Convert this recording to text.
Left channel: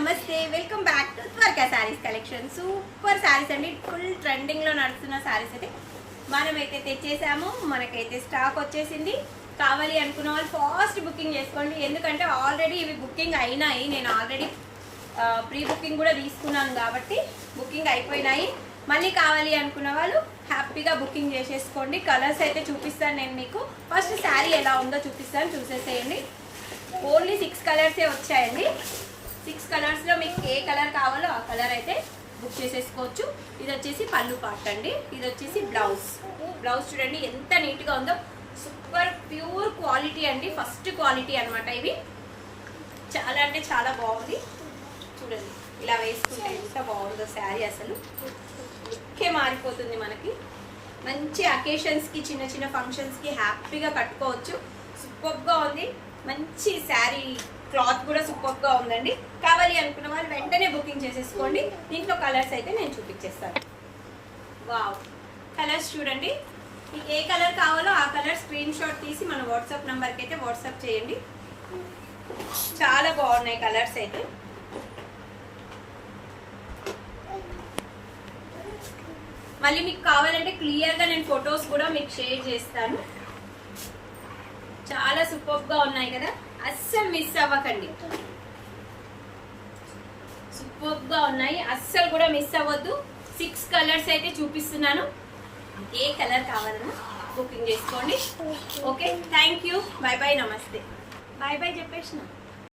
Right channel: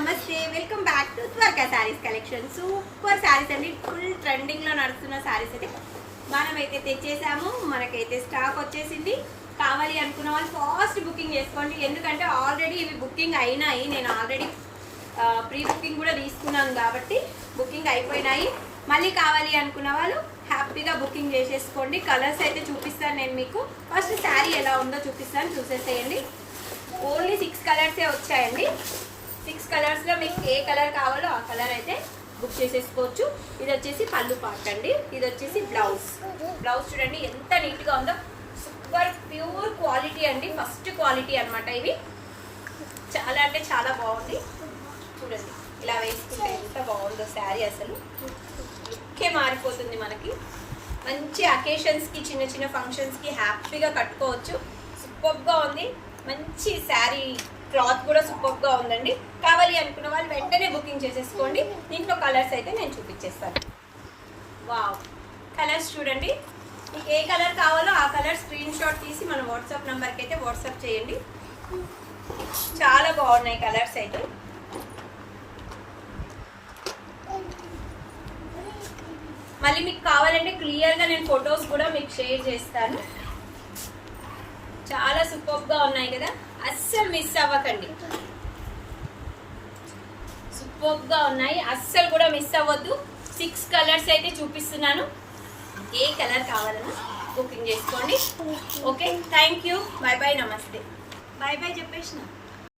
నమస్తే, welcome back to త్వరగా saris collection. Super saris అండి, ఫుల్ ట్రెండింగ్ లో నడుస్తున్న శారీస్ అయితే మనమైతే తెచ్చేసాము. మనకైతే స్టాక్ వచ్చేసింది. కావాలి అనుకున్న వాళ్ళు ఫాస్ట్ బుకింగ్ చేసుకోండి, ఎందుకంటే ఆల్రెడీ ఇవి బుకింగ్ అయినాయి. నేను ఆల్రెడీ ప్రీ బుకింగ్ కూడా తీసుకున్నాను కాబట్టి బుకింగ్ అయిపోయినాయి. మళ్ళీ కావాలి అనుకున్న వాళ్ళు హ్యాపీగా బుకింగ్ చేసేసుకోండి. కలర్స్ అయితే చూపిస్తాను నేను మీకు. ఫస్ట్ శారీ ఎలా ఉందో చూపిస్తాను, చూసేసేయండి. ఓన్లీ 6 కలర్సే వచ్చాయండి. 6 కలర్స్లో మీకు ఏ కలర్ కావాలో ఆ కలర్ అయితే బుక్ చేసేసుకోవచ్చు. ఇది వచ్చేసి పళ్ళు పార్ట్ అండి, ఇది వచ్చేసి బ్లౌజ్. బ్లౌజ్ చూడండి ఎంత నీట్గా ఉందో, సూపర్ ప్యూర్ క్వాలిటీ అండి, ఫస్ట్ క్వాలిటీ అనమాట. ఇవి చాలా అంటే చాలా బాగుంది. చూడండి ఇలా వేసుకుంటే ఎంత బాగుందో శారీ, అసలు లుక్కే మారిపోతుంది మనకి. మంచి అకేషన్స్కి, చిన్న చిన్న ఫంక్షన్స్కి హ్యాపీగా కట్టుకోవచ్చు. సూపర్గా ఉంది, మంచి శారీ క్లాత్ కూడా సూపర్గా ఉందండి. కావాలి అనుకున్న వాళ్ళు వెంటనే బుకింగ్ చేసేసుకోండి. దీంట్లో కలర్స్ అయితే నేను చూపించేస్తాను. వావ్, కలర్స్ చూడండి. మీకు ఏ కలర్ కావాలో ఆ కలర్ స్క్రీన్ షాట్ తీసి మన వాట్సాప్ నెంబర్కి అయితే వాట్సాప్ చేయండి. చాలా బాగున్నాయి కలర్స్ అయితే. మళ్ళీ మీకు కావాలంటే క్లియర్గా నేను ఫొటోస్ కూడా మీకు షేర్ చేస్తాను. చాలా సూపర్గా ఉన్నాయి కదా, అస్సలు మిస్ అవ్వకండి. సూపర్గా ఉన్నాయి, అస్సలు కూడా మిస్ అవ్వద్దు. 6 కలర్స్ అయితే చూపిస్తున్నాను. ఏ కలర్ కావాలన్నా బుకింగ్ చేసుకోండి. Okay, thank you, bye bye, నమస్తే. బాయ్ బాయ్ చెప్పేసిన.